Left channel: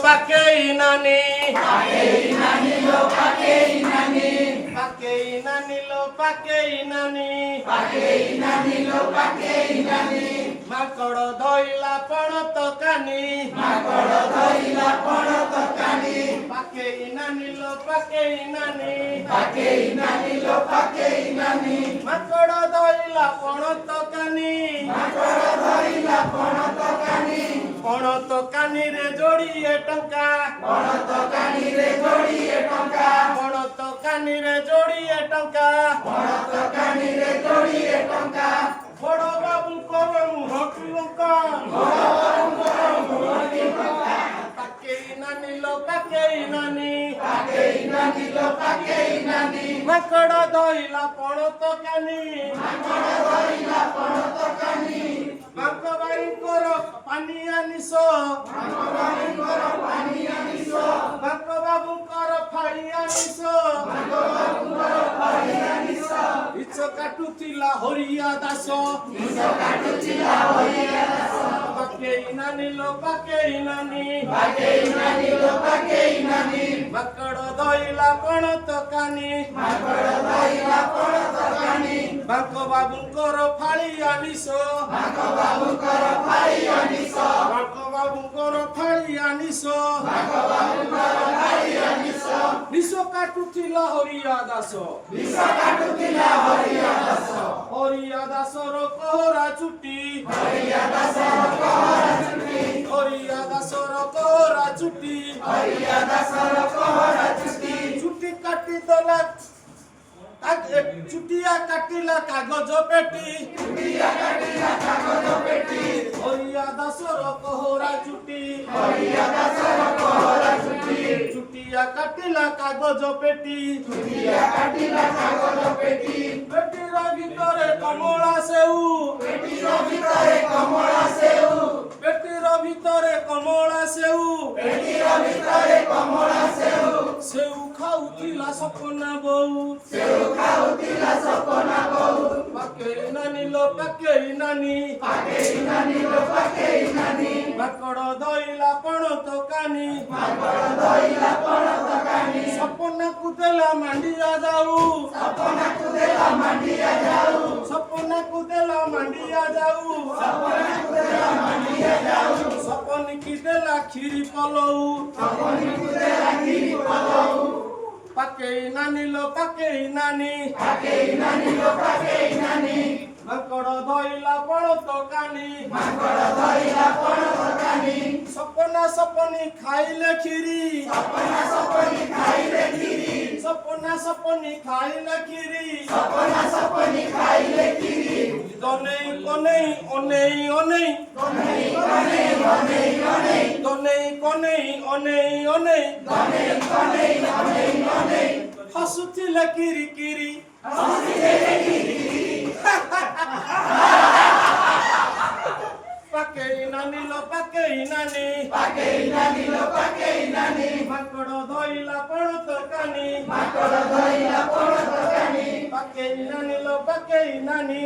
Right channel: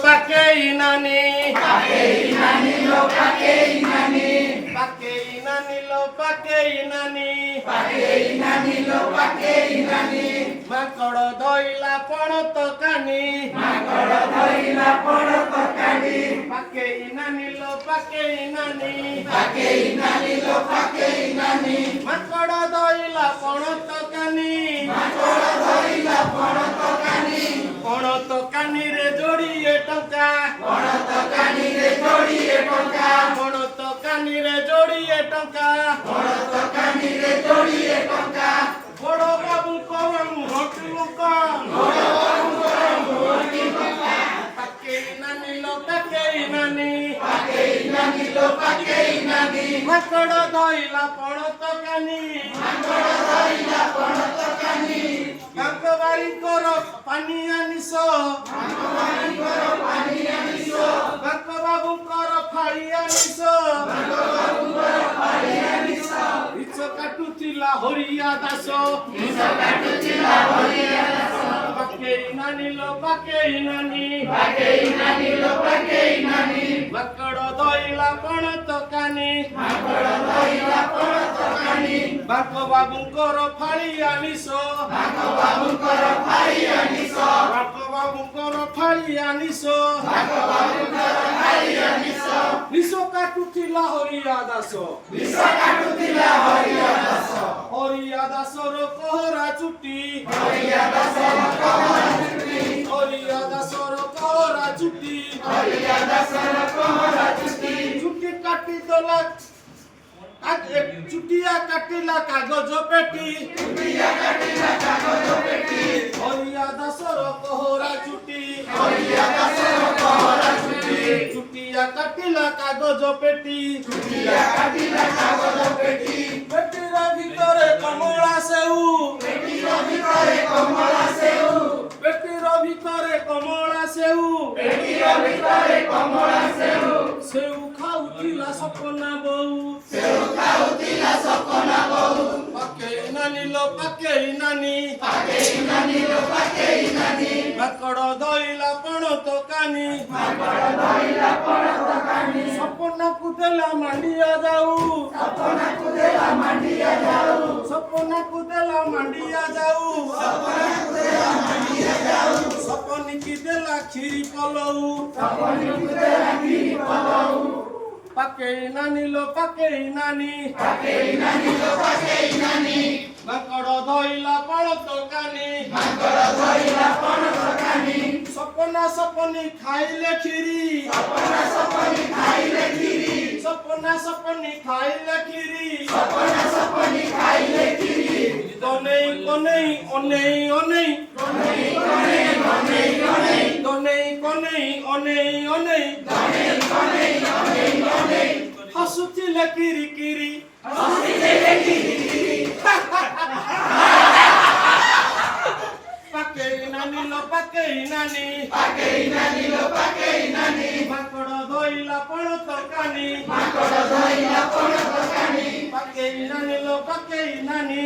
pakai nani lo pakai nani pakai nani lo pakai nani lo pakai nani makoro doila pono tokani makoro doila pono tokani pakai nani lo pakai nani lo pakai nani makoro doila pono tokani makoro doila pono tokani रे जोड़िए टंका pono tokani re jodiye tonka pono tokani रे जोड़िए टंका pono tokani re jodiye tonka बड़ो बाबू को होटलों का pakai nani lo pakai nani lo pakai nani makoro doila pono tokani Bangkabari koro paniya niso Bangkababu koro phariya niso Icho katutila horiya daso Pakai nani lo pakai nani lo pakai nani Makoro doila pono tokani makoro doila pono tokani Bangkababu koro phariya niso babu koro phariya niso Bangkababu koro phariya niso niso Niso katutila horiya daso bisa katutila horiya daso Horiya daso ro kohora chuti horiya daso kohora chuti Horiya daso ro kohora chuti horiya daso kohora chuti chuti kati dola चुटिया काटिला कागज पेटी चुटिया काटिला कागज पेटी हरिया दसर कोहरा चुटी हरिया दसर कोहरा चुटी चुटिया काटिला कागज पेटी चुटिया काटिला कागज पेटी पेटीर ভিতরে কমলা সেউ पेटीर ভিতরে কমলা সেউ পেটির ভিতরে কমলা সেউ পেটির ভিতরে কমলা সেউ সেউ খাউথিলা সপনা বউ সেউ খাউথিলা সপনা বউ পাকেই নানি লো পাকেই নানি lo pakai nani মাকড় দইলা পণ তকানি makoro doila pono tokani সপনা কুদেলা মান্ডিয়া যাও sapona kudela mandia jau সপনা কুদেলা মান্ডিয়া যাও sapona kudela mandia jau সপনি কি দেলা খিরি পলৌ saponi kudela kiri palau পাকেই নানি লো পাকেই নানি lo pakai nani মাকড় দইলা পণ তকানি makoro doila pono tokani সপনা সপনি খাইলে খিরি sapona saponi khaile kiri সপনা সপনি খাইলে খিরি sapona saponi khaile kiri দনেই কনেই অনেই অনেই konei konei konei konei দনেই কনেই অনেই অনেই konei konei konei হাসুছিলে কিরি কিরি পাকেই নানি লো পাকেই নানি lo pakai nani মাকড় দইলা পণ তকানি makoro doila pono tokani পাকেই নানি লো পাকেই নানি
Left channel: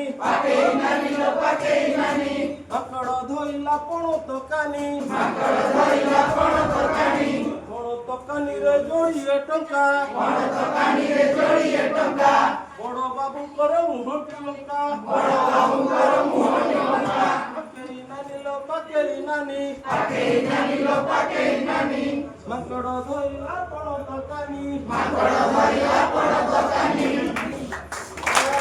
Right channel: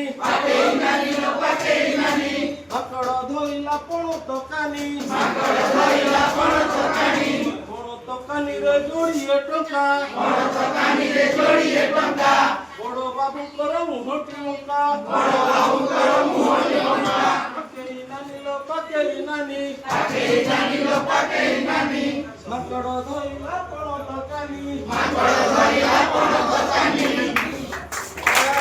lo pakai nani মাকড় দইলা পণ তকানি makoro doila pono tokani পণ তকানি রে জড়িয়ে টঙ্কা pono tokani re jodiye tonka বড় বাবু করো মুহটি লঙ্কা boro babu koro muhoni tonka পাকেই নানি লো পাকেই নানি lo pakai nani মাকড় দইলা পণ তকানি makoro